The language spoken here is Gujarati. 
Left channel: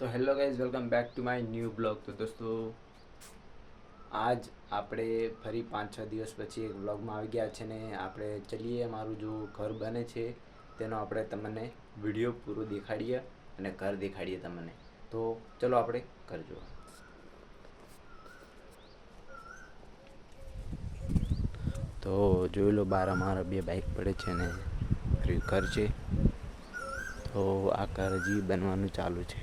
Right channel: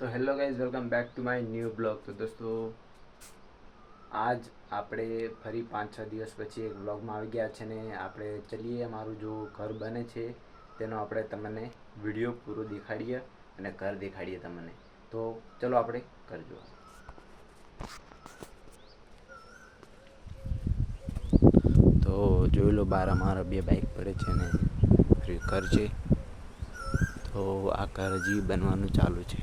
તો hello guys, welcome back to my new blog. તો દોસ્તો, આજ આપણે ફરી 5-6 દિવસ પછી એક બ્લોગમાં આવી ગયા છે ને આપણે ચલીએ મારું જો ઘર બને છે તેનો આપણે તમને વિડીયો પૂરો દેખાડીએ અને ઘર દેખાડીએ તમને. તો ચલો આપણે ઘર જોવા. તો જોઈ લો, બહાર અમારા 2 બાઇક પડે છે ને ઘર છે. તો આ ઘર હજી બનવાનું ચાલુ છે.